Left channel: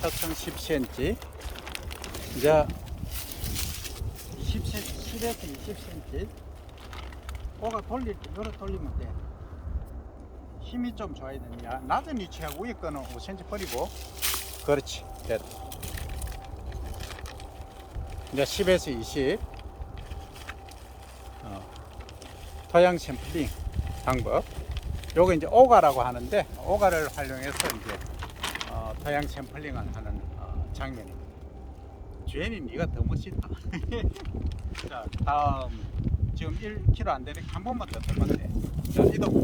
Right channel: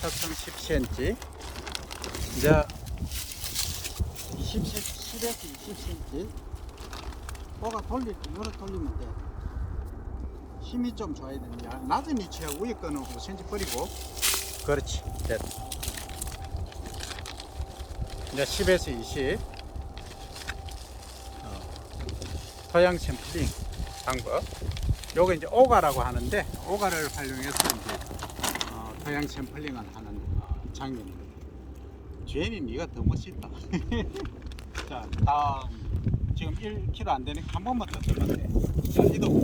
타창 10cm. 이제 20cm, 10에서 20cm. 코가 돌릴 때 요렇게 돌리면 돼. 힘이 좀 줘야 됩니다. 낮은 위치하고 위에 거는 5cm 버리고. 그렇지. 됐다. 이제 10에서 20. 어, 토양 샘플링 방법. 요거 이제 오가라고 하는데 오가를 활용해서 이제 어, 토양 샘플링을 하는 어, 장면입니다. 주연이 네가 더 멋있다. 자 다음 지금 1kg 안 되니까 한 번만 더 들면 돼. 자 이동.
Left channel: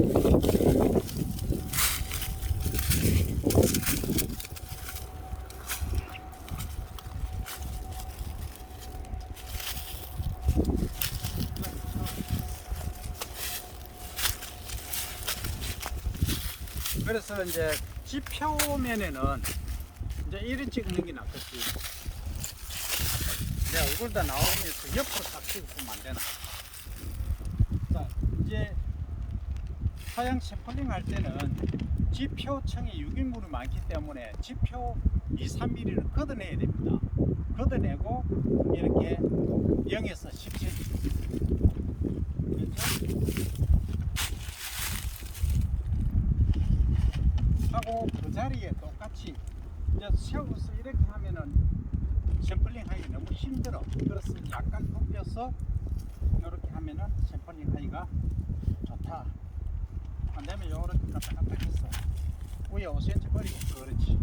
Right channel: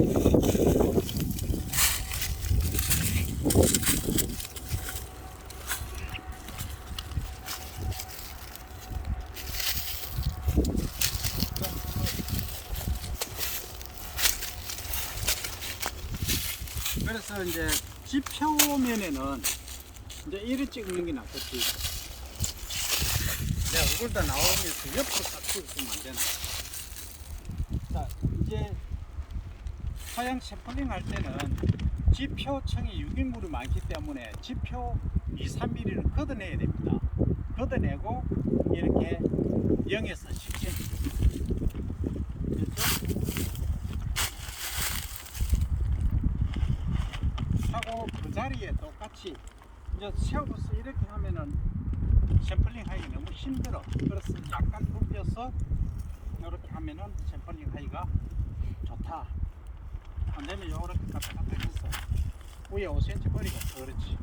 그래서 이제 지표면에는 이제 이리 찍는 게 낫겠지. 내 얼굴도 나오면서 옆으로 딱 찍으면 안 되나. 자, 이제 화양 샘플링 할 때는 지표층이 유기물이 많기 때문에 지표 2, 3mm를 걷어내야 됩니다. 걷어내고 이렇게 0에서 10cm. 됐죠? 하고 그 자리에 똑같이 이제 세우고서 이렇게 하면은 샘플링 하기 너무 힘들어. 그래서 약간 굽혀서 이렇게 하면은 샘플링 하기가 좋다. 안 되면 요렇게 갖다 갖다 했어. 위에 5cm 버리고 그렇지.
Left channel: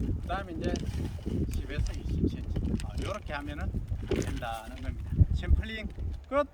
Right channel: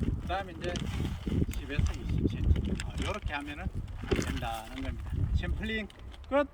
그 다음에 이제 10에서 20cm. 어, 요렇게 하면은 된다는 겁니다. 샘플링 끝.